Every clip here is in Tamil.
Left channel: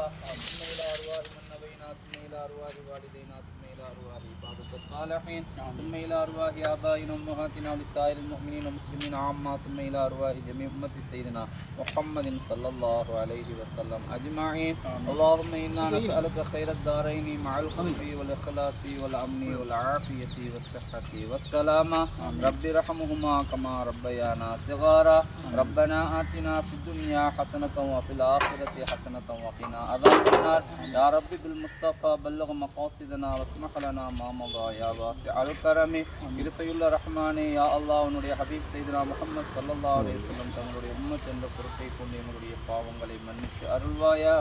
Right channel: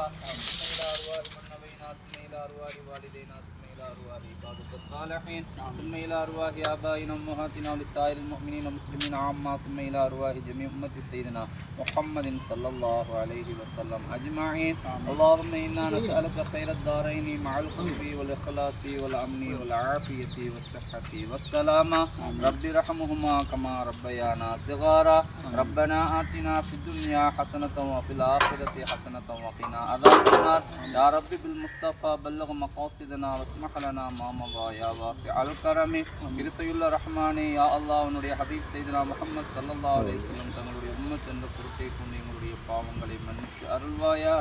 الأرواح من بين أسمي الأرواح والدين أسمي الصالحين. ثم إلى أرواح آبائنا وأمهاتنا ولسائر المؤمنين والمسلمين عامة. ثم إلى أرواح جميع أمة سيدنا محمد صلى الله عليه وسلم أجمعين. اللهم إنا نسألك خير الدارين مع الخلف والإخلاص والأمن والعافية والصحة والسلامة. رب ارحمهما كما ربيانا صغارا. ربنا آتنا في الدنيا حسنة وفي الآخرة حسنة وقنا عذاب النار. يا رب بالمصطفى بلغ مقاصدنا واسمح வஃப்ரஹ் மாமவா யா வாசி அல் கரமே இருப்பையுள்ள ரஹ்மானே யா அல்லா உன்னுடைய ஹபீப் செய்தனா முகமது சல்லல்லா அலேஸ்லம் தங்களுடைய உம்மத் என்ற பொருட்டை கொண்டு எங்களுடைய பாவங்களை மன்னிச்சு அருள்வாயா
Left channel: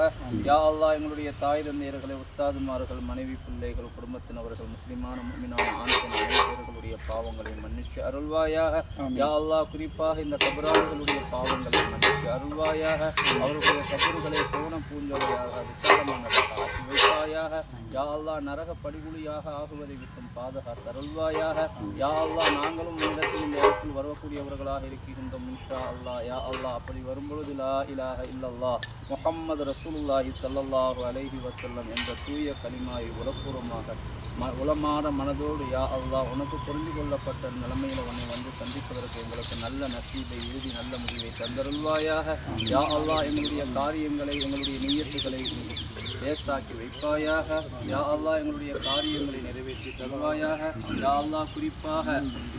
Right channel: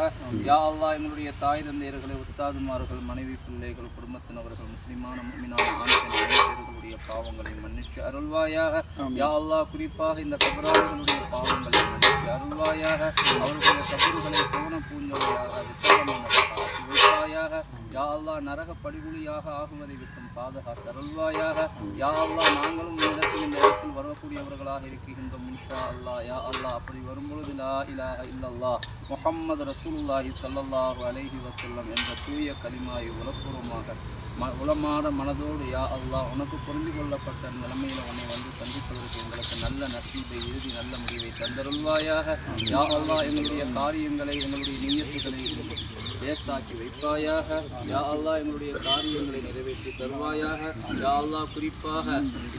யா அல்லா எங்களுடைய தாய் தந்தையர்களை உஸ்தாதுமார்கள் மனைவி பிள்ளைகள் குடும்பத்தினவர்கள் முஸ்லிமான மும்மினான ஆண் பெண் பாவங்களை மன்னிச்சு அருள்வாயாக. யா அல்லா குறிப்பாக இந்த கபராளிகளுடைய பாவங்களை மன்னிச்சு அருள்வாயாக. அவர்களுடைய கபறுகளை சோன பூஞ்சொலையாக விசாலமானதாக ஆக்கி வைப்பாயாக. யா அல்லா நரக படுகொலை படுகொலியாக ஆகுவதை விட்டும் பாதுகாத்த அருள்வாயாக. யா அல்லாஹ் நாங்களும் இடத்தில் இந்த இடத்தில் வரக்கூடியவர்களாக இருக்கின்றோம் இன்ஷா அல்லாஹ். யா அல்லாஹ் அப்படி வரும்பொழுது லா இலாக இல்லல்லா முகம்மது ரசூலுல்லாஹி சல்லல்லாஹு அலைஹி வசல்லம் என்ற தூய களிமாயை உலப்பூர்வமாக ம உளமான மனதோடு யா அல்லாஹ் உனக்கு புரிந்து கொள்ளப்பட்ட நிலைமையில் உன்னை வந்து சந்திப்பதற்கு எங்களுக்கு நல்ல நசீபை இறுதி நல்ல முடிவை தந்தருள்வாயாக. யா அல்லாஹ் எங்களுடைய காரியங்களை எங்களுடைய நீயத்துகளை பேசாக்கி வைப்பாயாக. யா அல்லாஹ் எங்களுடைய காரியங்களை நிறைவேற்றி தருவாயாக. யா அல்லாஹ் குறிப்பாக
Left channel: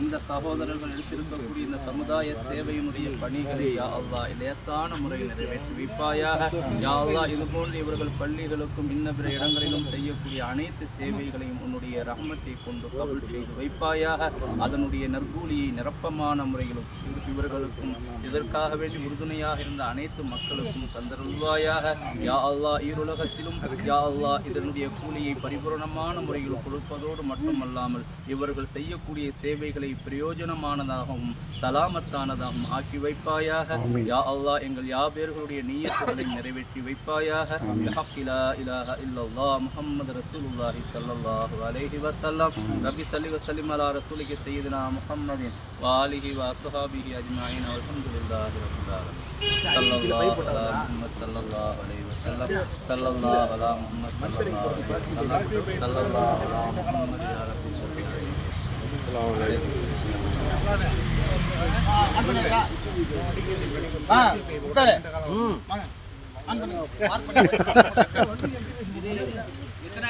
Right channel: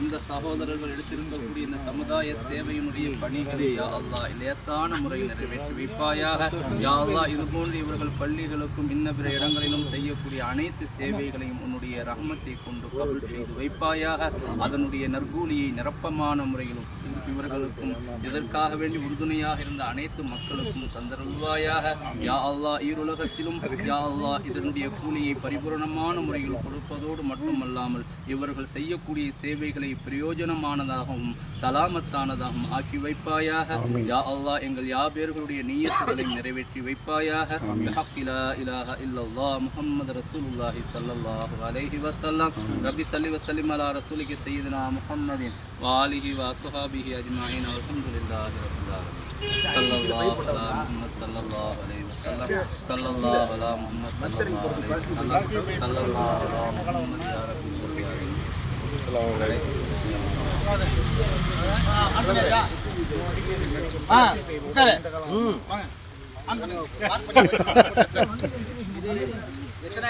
இந்த சகோதரர்கள் எடுத்திருக்கக்கூடிய இந்த சமுதாய சேவையினுடைய பணிகளை யா அல்லாஹ் லேசான முறையில் நிறைவேற்றி வைப்பாயாக. யா அல்லா இதுபோன்று இவர்கள் பள்ளிகளுக்கும் இன்ன பிற இடங்களிலும் செய்யக்கூடிய அனைத்து சேவைகளையும் உன்னுடைய ரகமத்தை கொண்டு கபல் செய்து வைப்பாயாக. அதனுடைய நற்கூலியை நிரப்பமான முறையிலும் இவர்களுக்கும் இதற்காக வேண்டி உறுதுணையாக இருந்த அனைத்து மக்களுக்கும் தந்தருள்வாயாக. யா அல்லா ஈருலகத்திலும் யா அல்லா இதனுடைய கூலியை பரிபூரணமான முறையில் கொடுப்பதோடு மட்டுமல்லாமல் இவர்கள் செய்யக்கூடிய சேவைகளை பிரயோஜனமானதாகவும் சலாமத்தானதாகவும் ஆக்கி வைப்பாயாக. யா அல்லா எங்கள் யாபேர்களுடைய நீயத்துகளை நிறைவேற்றி வைப்பாயாக. இலாஹ இல்லல்லா முகமது ரசூலுல்லாஹி சல்லல்லாஹு அலைஹி வசல்லாம் ரபி சல்லி வசலிம் அலா ரசூலிக்கு செய்தனா முகம்மதின் வாலிஹி வசுஹாபிஹி أجمعين والحمد لله رب العالمين صلى الله على محمد صلى الله عليه وسلم صلى الله على محمد صلى الله عليه وسلم صلى الله على محمد يا رب العالمين السلام عليكم ஆ உட்காரு ம் வாங்க எத்தனை